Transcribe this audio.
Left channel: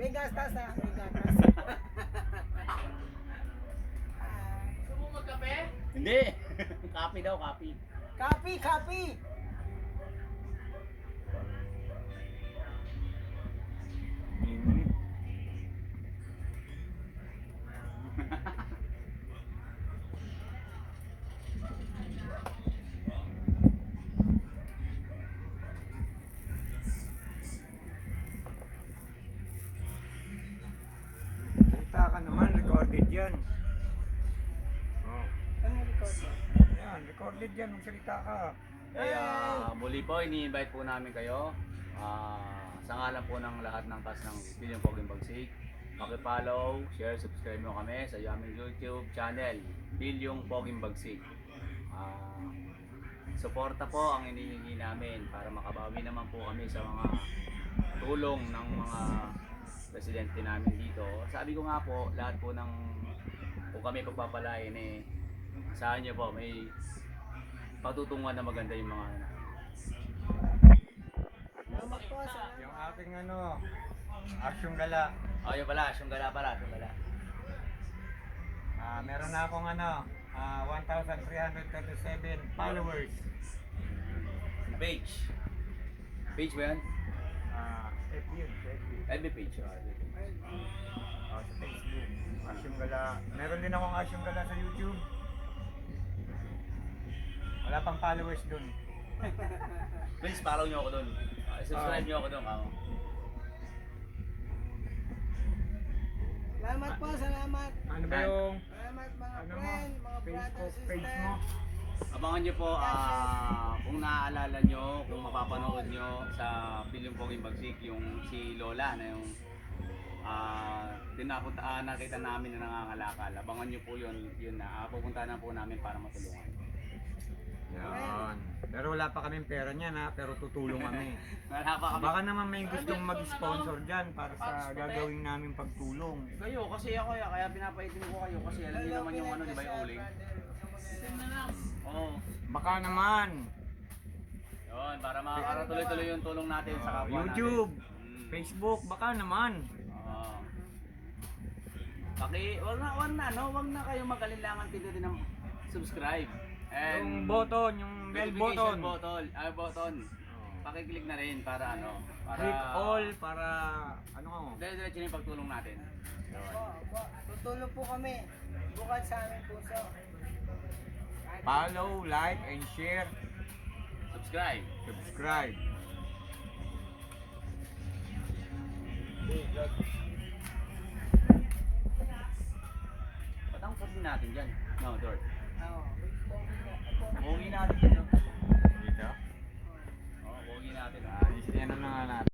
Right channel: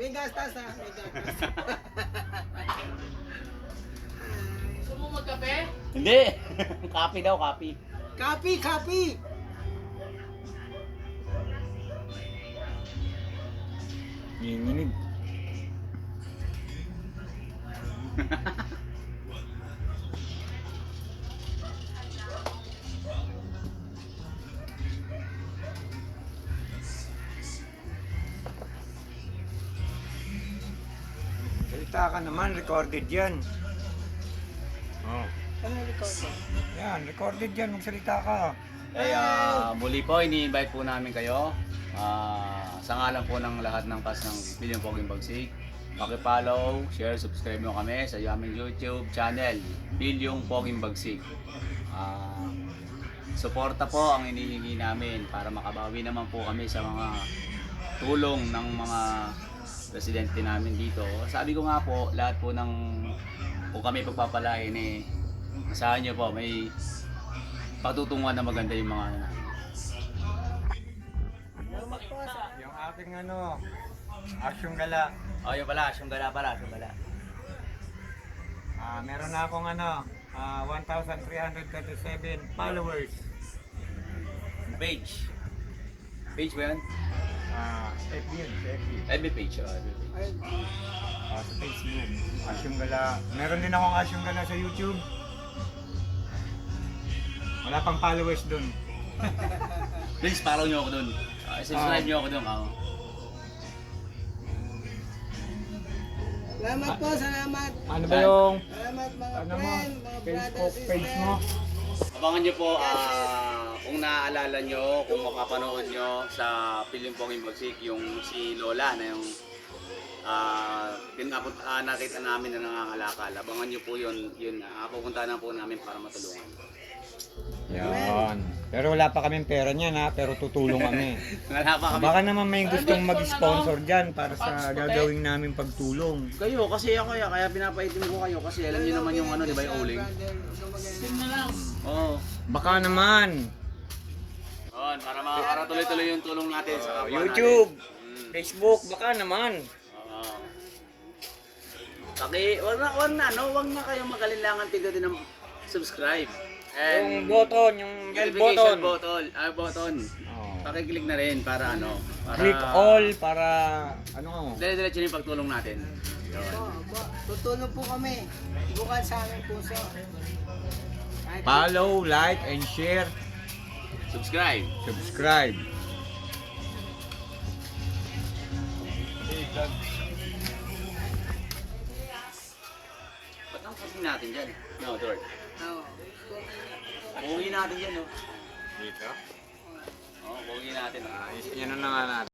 May gastas na. May gastas. Gusto mo magkape? Hindi. Copy daw, copy. Copy, copy. Nginginig. Salita ka naman, recorded yan. Oh. Ano record mo? Yan, recorded yan, magsalita ka. Ay, muli po, ini-invite po namin kayo. Sa ngalan po ng lahat ng cast ng Bilyong Poging Bagsik. Paki-follow, share, subscribe mo kami sa aming YouTube channel, Bilyong Poging Bagsik. Suporta po ang hinihingi namin para makabawi naman po kami sa mga tulong ng mga residente namin dito. Sabi ko nga po, lahat po ng kung kami pagpapalain asahan nyo po, may patutunguhan na maganda yung mga Yung aking asyong gala. Oh, yun pala, asyong gala pala, asyong gala. Meron na akong 1,337 followers. Page. Page ba yun? FB yun, sa FB. FB page. FB page. Sa Facebook. Asyong gala. Meron din akong asyong gala sa YouTube. Wala pang followers dun. Please follow nyo ako dun. Subscribe nyo ako dun. Salamat po, salamat. Ano ba yung Salamat mga ano mo? friend, mga brother, Facebook page sister. mo? Abangan nyo po kung naaalala nyo, kung makapanood nyo sa Bilyong Poging Bagsik, yung si Lola na yung nakita namin na nangangalakal. Abangan nyo po yun, pupunta na po namin para matulungan. Yan. Pero wala pa kaming pera niyan pero tutulong kami. Wala pa kami. Baka naman may gustong mag-sponsor dyan para sa gagawin namin pagtulong. Kayo, kasi ako kaya pinapaitim ko kayo kasi alam niyo naman yung di ba yung uling? Oo. Baka naman. Yun, para tuloy-tuloy yung tulong natin sa kapwa YouTube, natin. Facebook, baka naman. Oo. Wag na kayo mag-alinlangan pindutin ng subscribe. Yung button, yung bell notification button. button. Oh. Pakiclick na rin para para Click all para dire-diretso yung pagtulong natin. Tutulong po kami. Bukod sa aming puso. follow, like, and share, Subscribe. subscribe. Ba't ang pagin natin dyan? No, Dort. Oo. Pugi natin yan, no? Dito. Oo, pugi natin. Yan na nga natin.